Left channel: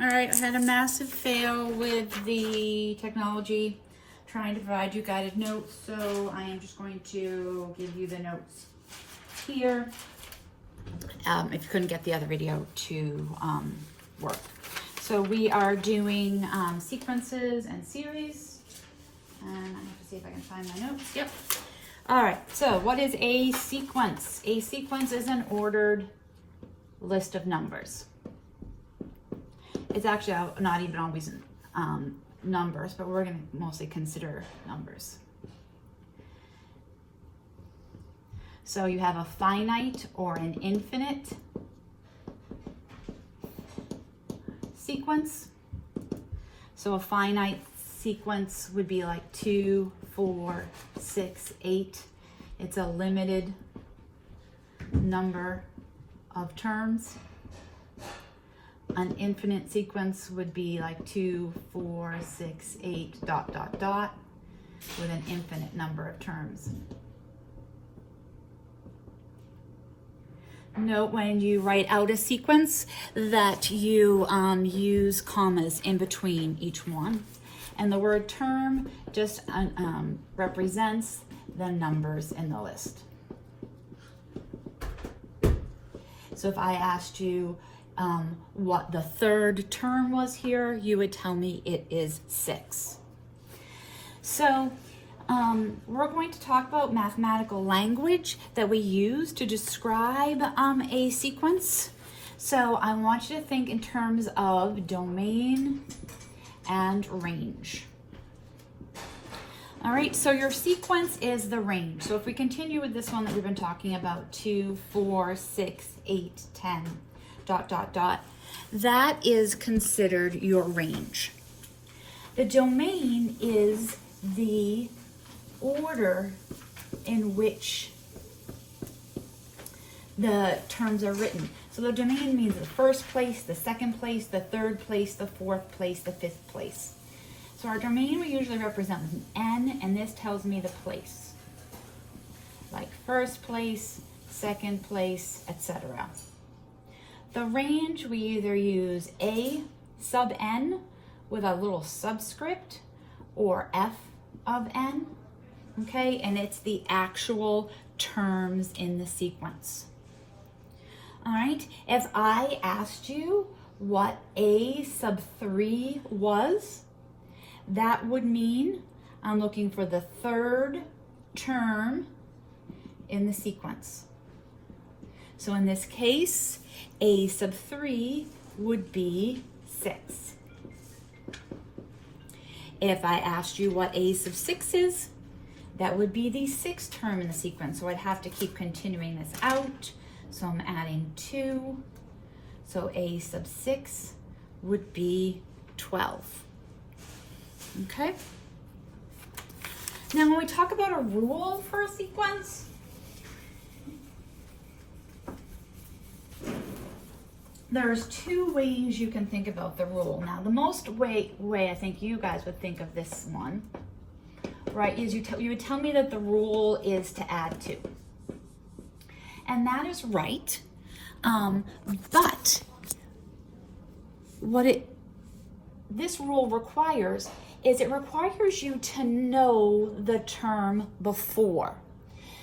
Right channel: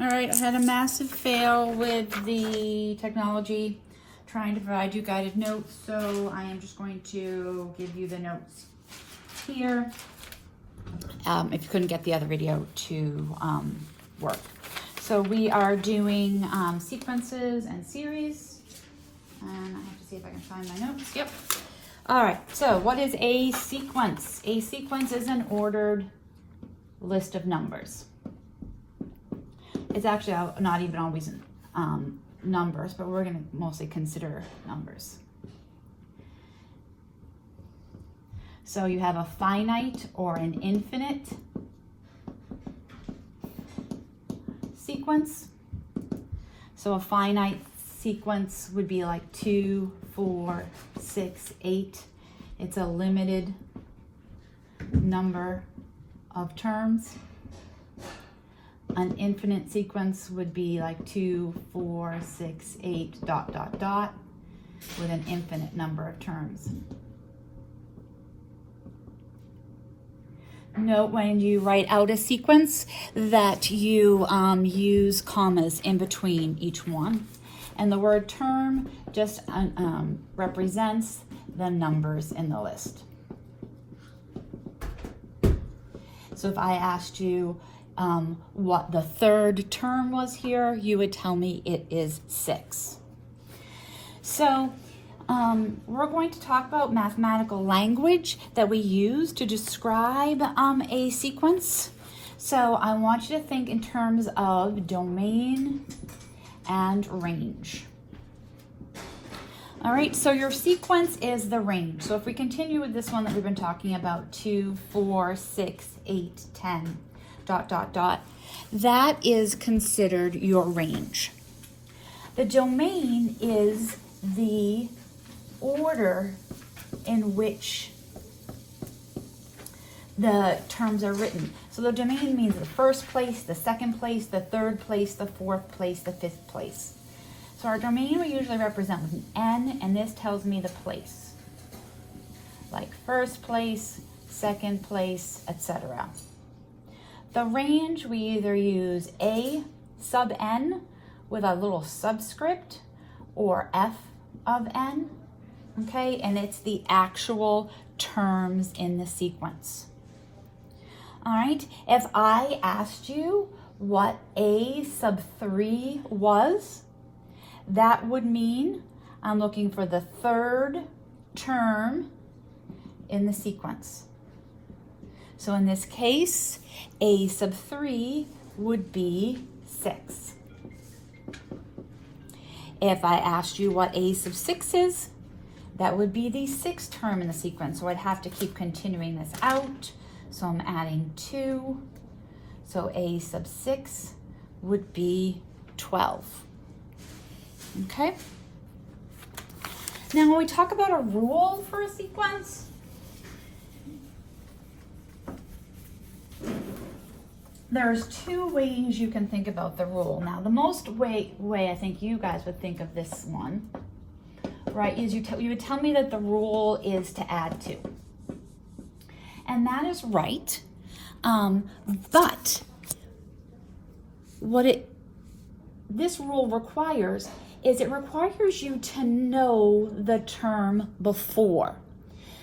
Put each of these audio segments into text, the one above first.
All right, I had a massive fail with the technology trying to provide you guided notes, so I am just going to give you the notes here. If you couldn't get the other video to work. So we are doing sequences and series, and I have to see if I can find my notes. Yep. All right, so what is a sequence? A sequence is an ordered list of numbers. It's actually not even always numbers, but we're going to mostly consider numbers. So you have a finite or an infinite sequence. So a finite sequence would be like 2, 4, 6, 8. It's a limited number of terms. An infinite sequence would be like 2, 4, 6, 8, dot, dot, dot, with an infinite number of terms. Note when you write out a sequence that you use commas in between each one. And the word term just represents the numbers in the list. So if I asked you what the third term was here, you would tell me it is 6. So we're going to talk about mathematical language that we use to describe a sequence. So I want you to think in terms of domain and range. All right, so your sequence is the range. So if we continue with this one that we've been talking about, 2, 4, 6, 8, 10, dot, dot, dot, that is considered your range. The domain is the order in which the terms are written. So the domain means the first place, the second place, the third place, the fourth place, the fifth place. So our domain we usually represent with an N, and this tells me the place. Like first place, second place, etc. The range, we either use A sub N with a little subscript or F of N, okay? And it's the actual terms in the sequence. All right, if I asked you what A sub 3 was, that would mean I'm looking for the third term in the sequence. So in this case, A sub 3 would be 6. If I asked you what A sub 6 is, that would be the sixth term in the sequence. So I'd have to keep continuing this out. So I'm adding 2. So A sub 6 would be 12. Okay? Now when we talk about a rule for a sequence, there's 2 ways you can think about the rule. Now, the most way I think you guys would think of this one, right, is you would tell me that the rule is to add 2. And that is right. But what this rule requires is it requires you to know the term before.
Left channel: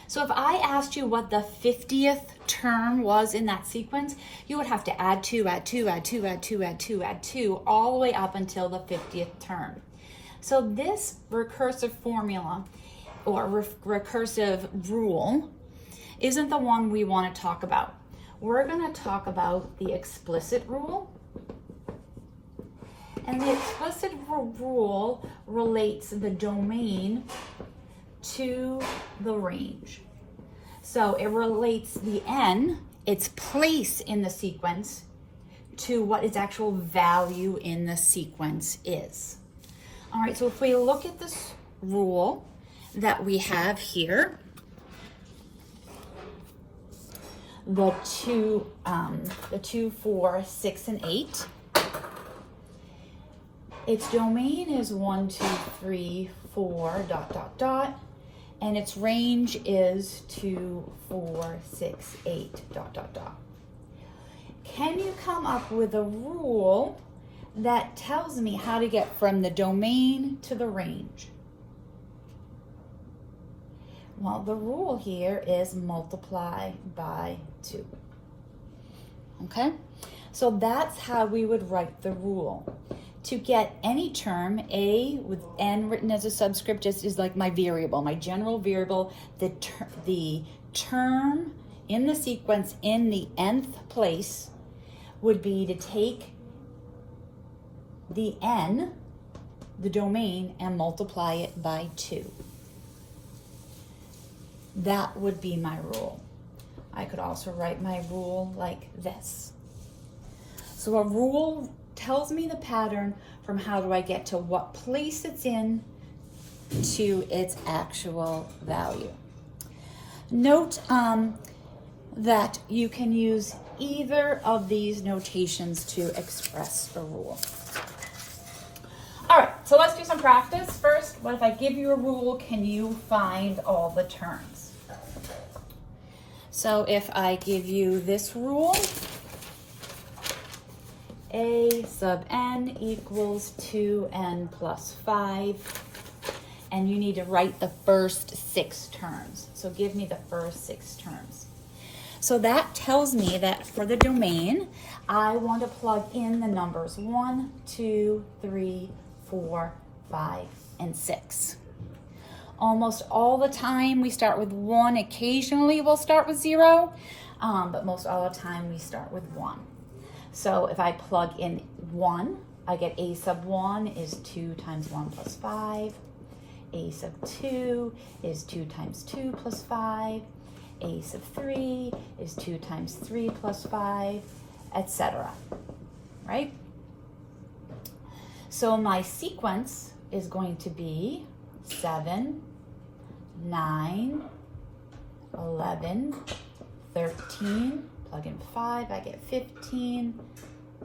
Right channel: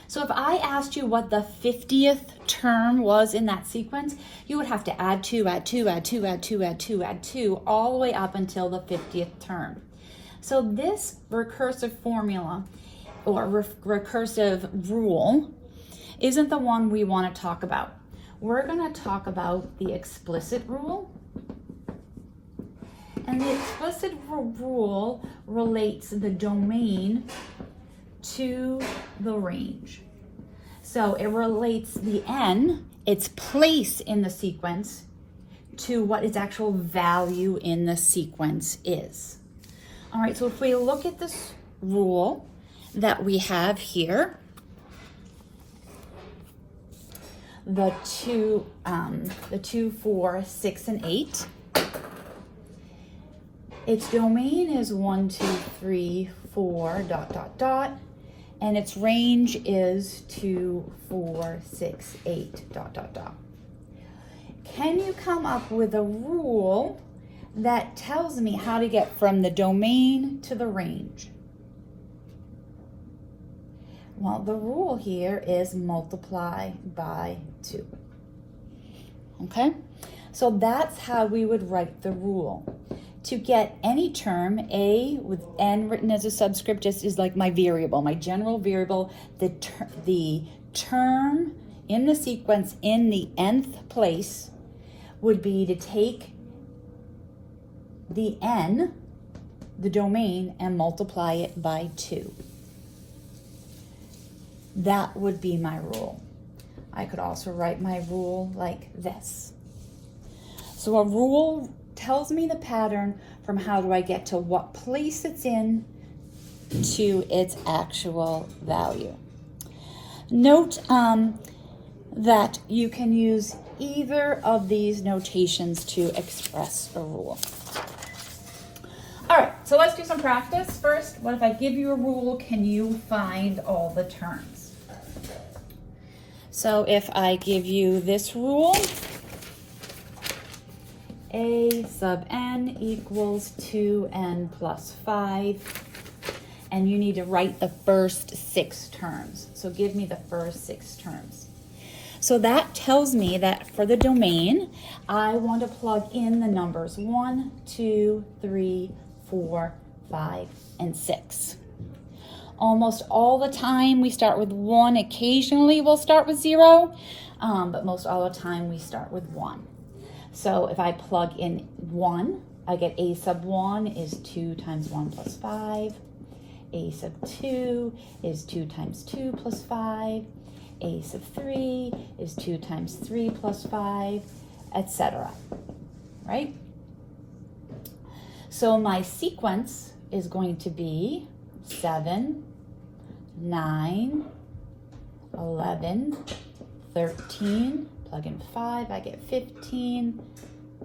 So if I asked you what the 50th term was in that sequence, you would have to add 2, add 2, add 2, add 2, add 2, add 2, all the way up until the 50th term. So this recursive formula or recursive rule isn't the one we want to talk about. We're going to talk about the explicit rule. And the explicit rule relates the domain to the range. So it relates the N, its place in the sequence, to what its actual value in the sequence is. All right, so if we look at this rule that we have here, the 2, 4, 6, and 8, its domain is 1, 2, 3, 4, dot, dot, dot, and its range is 2, 4, 6, 8, dot, dot, dot. Can you come up with a rule that tells me how to get from the domain to the range? Well, the rule here is multiply by 2. Okay? So that's how we would write the rule. To get any term, a with n written as a subscript just is like my variable, my general variable. The term in the sequence in the nth place would be to take the n, the domain, and multiply it by 2. That would be my rule. I could also write my rule like this. So a rule tells me the pattern from how do I get to what place it's in to its actual value. Note that you can use either of these notations to express a rule. All right, so let's do some practice. First, what if I give you a rule, can you find all the terms? So if I give you this rule, a sub n equals 2n plus 5, and you need to write the first 6 terms. So give me the first 6 terms. So that tells me that for the domain, I want to plug in the numbers 1, 2, 3, 4, 5, and 6. Almost all the time we start with 1. Occasionally we'll start with 0, but most all the time we start with 1. So if I plug in 1, I get a sub 1 is 2 times 1 plus 5. A sub 2 is 2 times 2 plus 5. A sub 3 is 2 times 3 plus 5, etc. Right? So my sequence is going to be 7, 9, 11, 13, plug in 5, I get 15,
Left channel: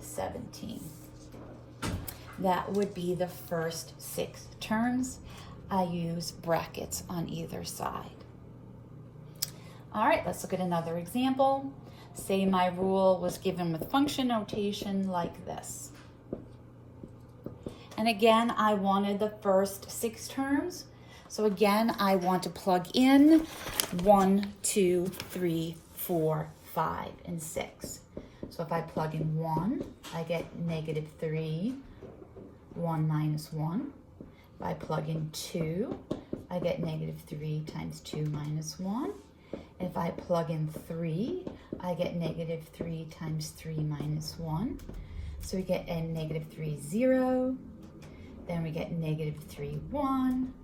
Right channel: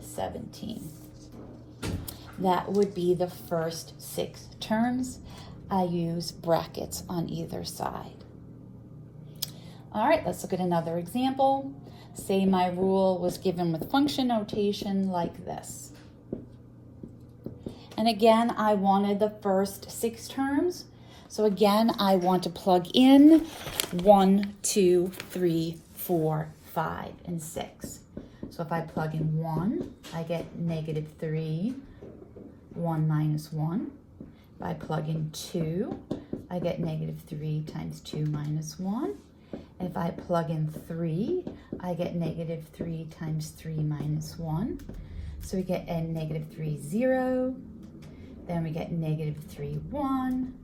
17. That would be the first 6 terms. I use brackets on either side. All right, let's look at another example. Say my rule was given with function notation like this. And again, I wanted the first 6 terms. So again, I want to plug in 1, 2, 3, 4, 5, and 6. So if I plug in 1, I get negative 3, 1 minus 1. If I plug in 2, I get negative 3 times 2 minus 1. If I plug in 3, I get negative 3 times 3 minus 1. So we get a negative 3, 0. Then we get negative 3, 1.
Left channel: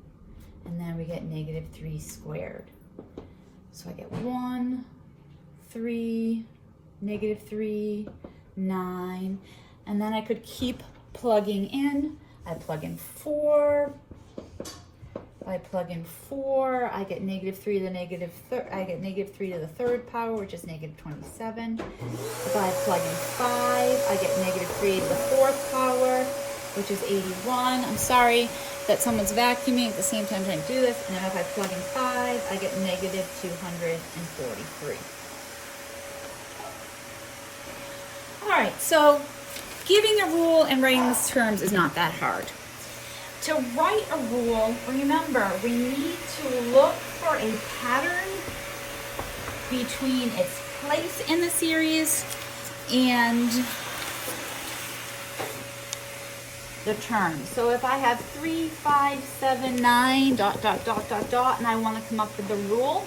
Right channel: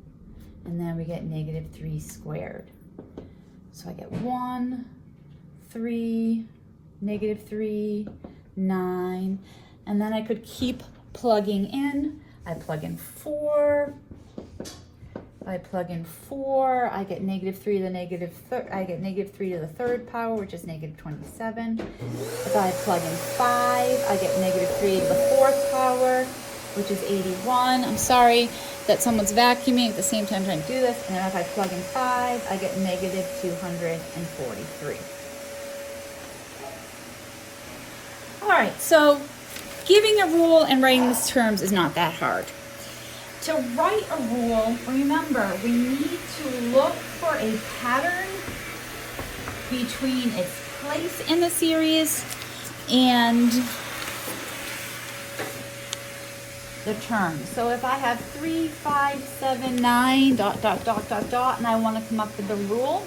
And then we get negative 3 squared. So I get 1, 3, negative 3, 9. And then I could keep plugging in. I plug in 4. I plug in 4, I get negative 3 to the negative I get negative 3 to the 3rd power, which is negative 27. If I plug in 5, I get negative 3 to the 4th power, which is 81. I'm sorry that someone's vacuuming at the same time trying to do this. And then if I plug in 5, I get negative 243. All right, so giving a rule and writing these terms is not that hard. To write a rule, remember, we need to look for a pattern between its place in the series and the terms. So if I have 3, 5, 7, 9, dot, dot, dot, dot, dot, and I want to come up with the rule,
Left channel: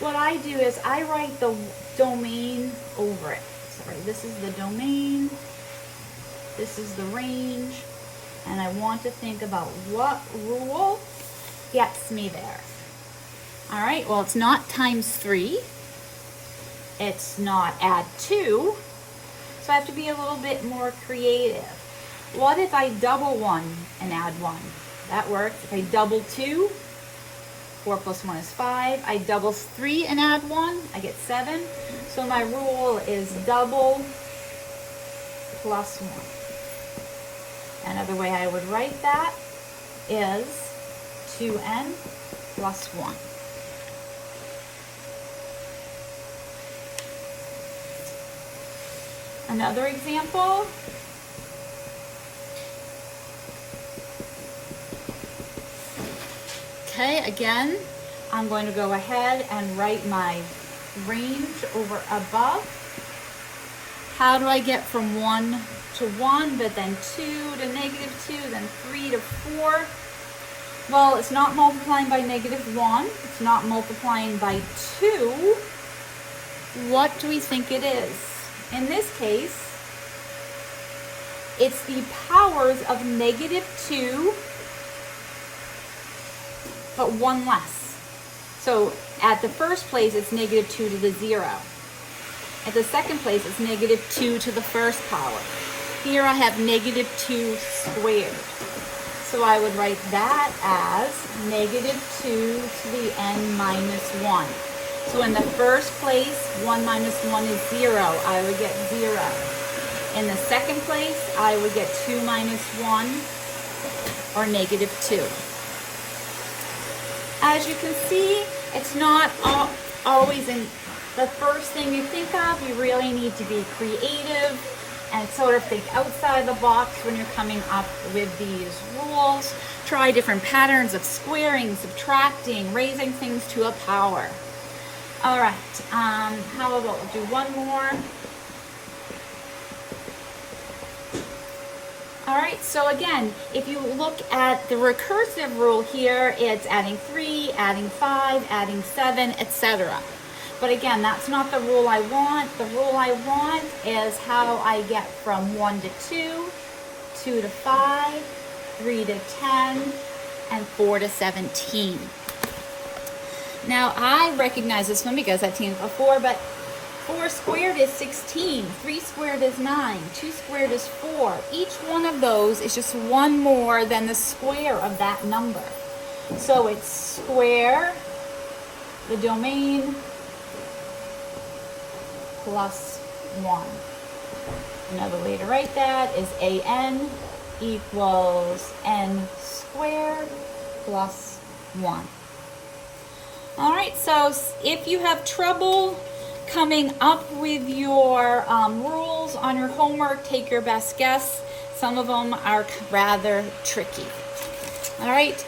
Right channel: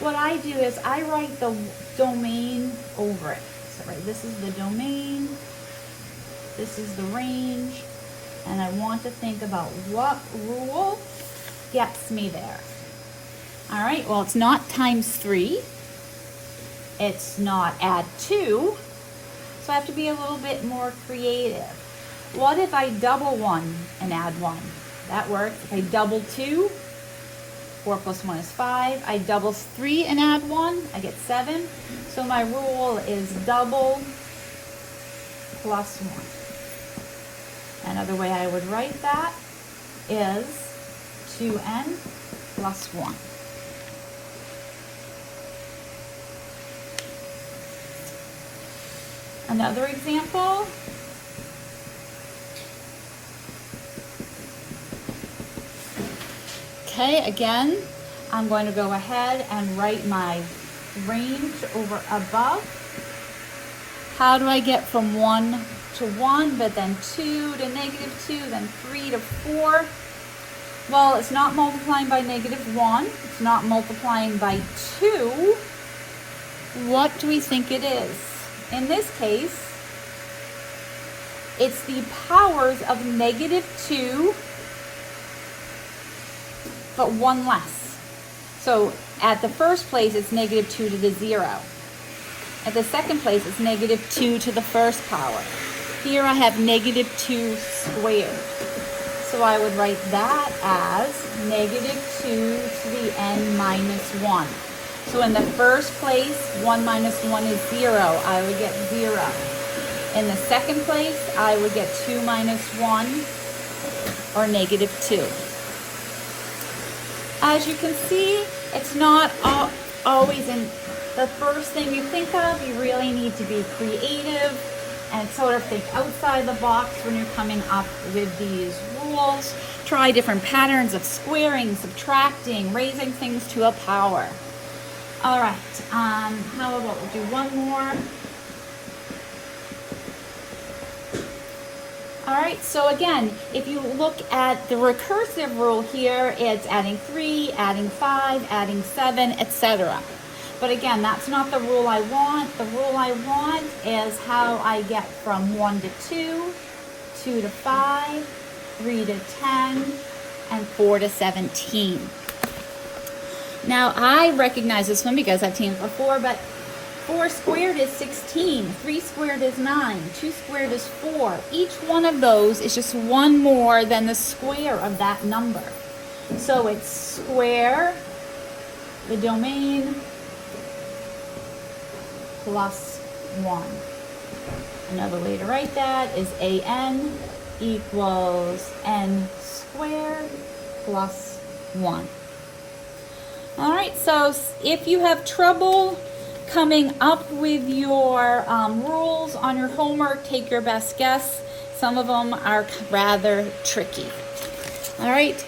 what I do is I write the domain over it. So right, this is the domain, this is the range, and I want to think about what rule gets me there. All right, well, it's not times 3. It's not add 2. So I have to be a little bit more creative. What if I double 1 and add 1? That works. If I double 2, 4 plus 1 is 5. I double 3 and add 1, I get 7. So my rule is double plus 1. Another way I would write that is 2n plus 1. Another example, Okay, again, I'm going to go ahead and write my range over above. How do I get from 1 to 1, but then 2 to -2, then 3 to 4? Well, it's not multiplying by -1. It's not multiplying by 2. What do we think it is? In this case, it's the powers of -2, but 1 less. So at the first place, it's -2 to the 0. At the second place, it's -2 to the first power. Here I have -2 squared. So I would write that as -2 to the n minus 1. So in the first place, 1 minus 1 is 0. I would get 0. In the second place, I would get 2 minus 1, or -2. As you can see, it's not always in the first thing you think of. You really need to be creative and sort of think outside the box when you're coming up with these rules. Try different patterns of squaring, subtracting, raising things to a power. All right, how about we'll do one more. All right, so again, if you look at the recursive rule here, it's adding 3, adding 5, adding 7, etc. But again, that's not the rule I want. The rule I want is how I get from 1 to 2, 2 to 5, 3 to 10, and 4 to 17. Now, I recognize this one because I've seen it before, but 4 squared is 16, 3 squared is 9, 2 squared is 4. Each one of those is just one more than the square of that number. So it's square, the domain, plus 1. Another way to write that is an equals n squared plus 1. All right, so if you have trouble coming up with your rules on your homework, take your best guess. Some of them are rather tricky. All right,